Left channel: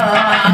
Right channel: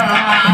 Yeah.